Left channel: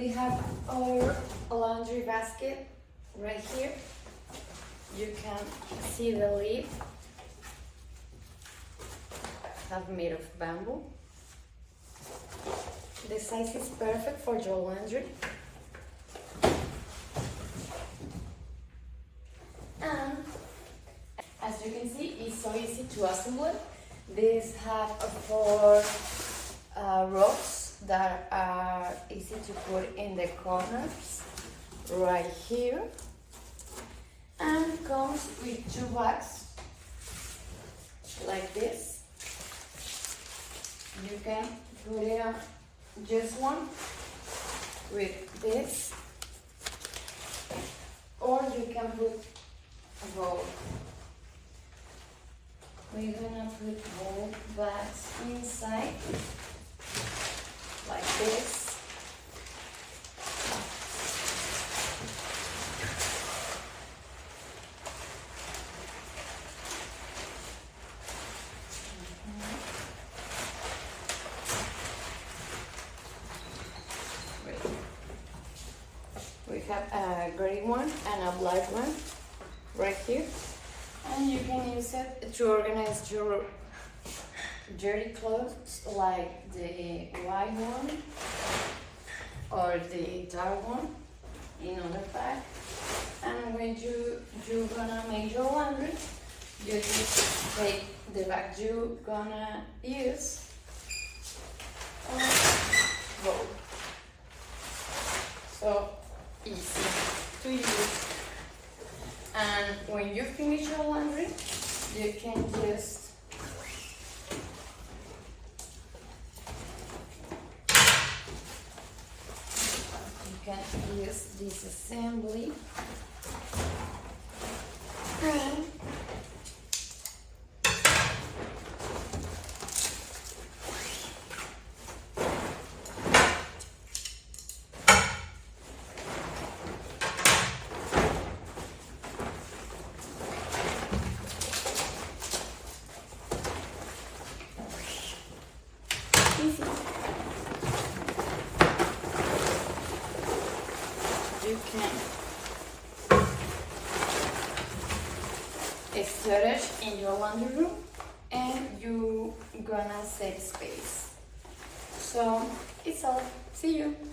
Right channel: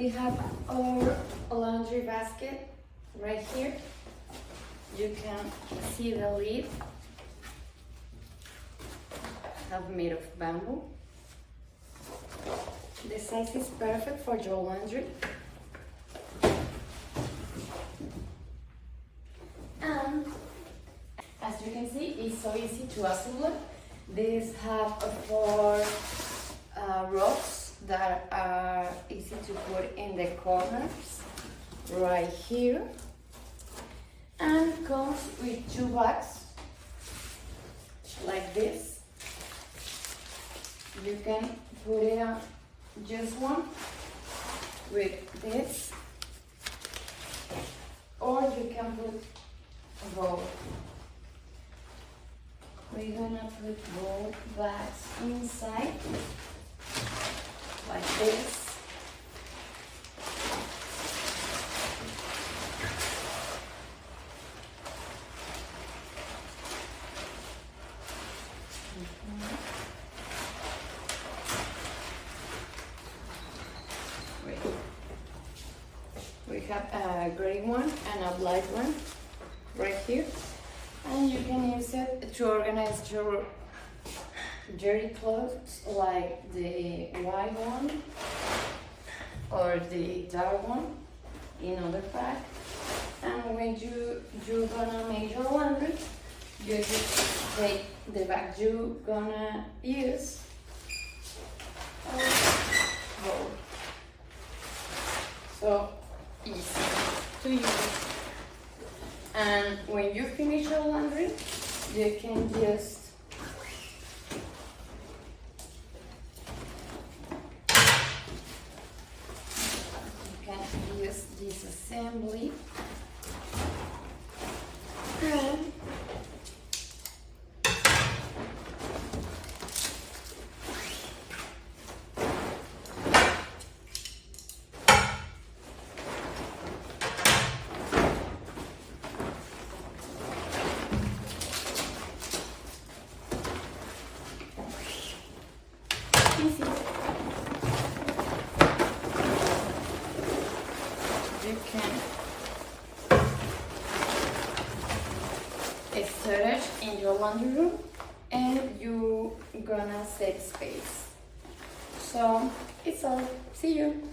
We have our laundry basket right here. You can see the lid, have made of bamboo. The size is perfect for your laundry. And as you can see, it's so easy to assemble. These have 4 ropes that are easy to put in the corners right here, and comes with 2 bags like this. You can put it on just one with this, or you can put both. We're gonna put both bags inside like this. We have a gray one and a black one right here, and you can use it to organize your dirty clothes, like the white one or the dark one in other bag. And when you're gonna make your laundry, you just take the bag you're gonna use and go. So easy to use. And when you finish your laundry, you can just use this assembly and easy. You can storage in your laundry room, and you're gonna save space. So it's all. See you.